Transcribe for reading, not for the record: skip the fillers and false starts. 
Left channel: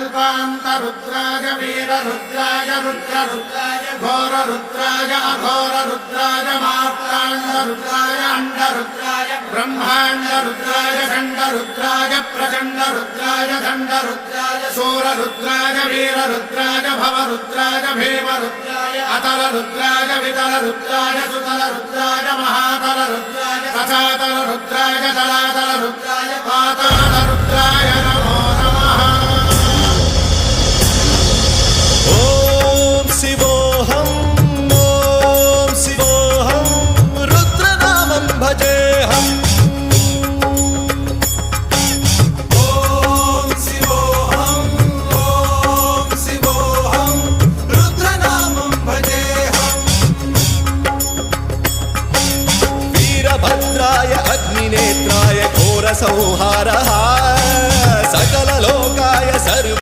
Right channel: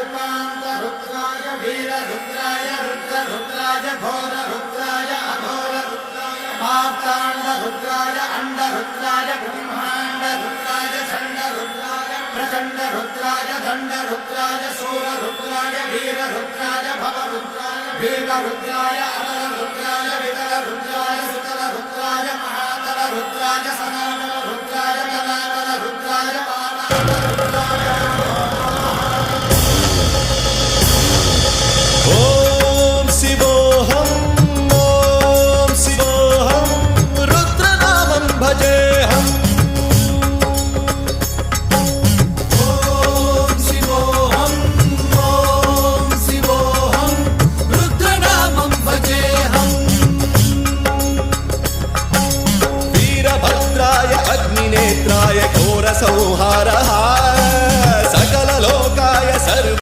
कल्पान्तरुद्राय वीररुद्राय रुद्ररुद्राय घोररुद्राय अघोररुद्राय मात्राण्डरुद्राय अण्डरुद्राय ब्रह्माण्डरुद्राय षण्डरुद्राय प्रचण्डरुद्राय दण्डरुद्राय शूररुद्राय वीररुद्राय भवरुद्राय भीमरुद्राय अतलरुद्राय वितलरुद्राय सुतलरुद्राय महातलरुद्राय सचातलरुद्राय जलातलरुद्राय पातालरुद्राय नमो नमः। ॐ शिवोऽहं रुद्रनामं भजेऽहम्। वीरभद्राय अग्निनेत्राय घोरसंहारः सकललोकाय सर्व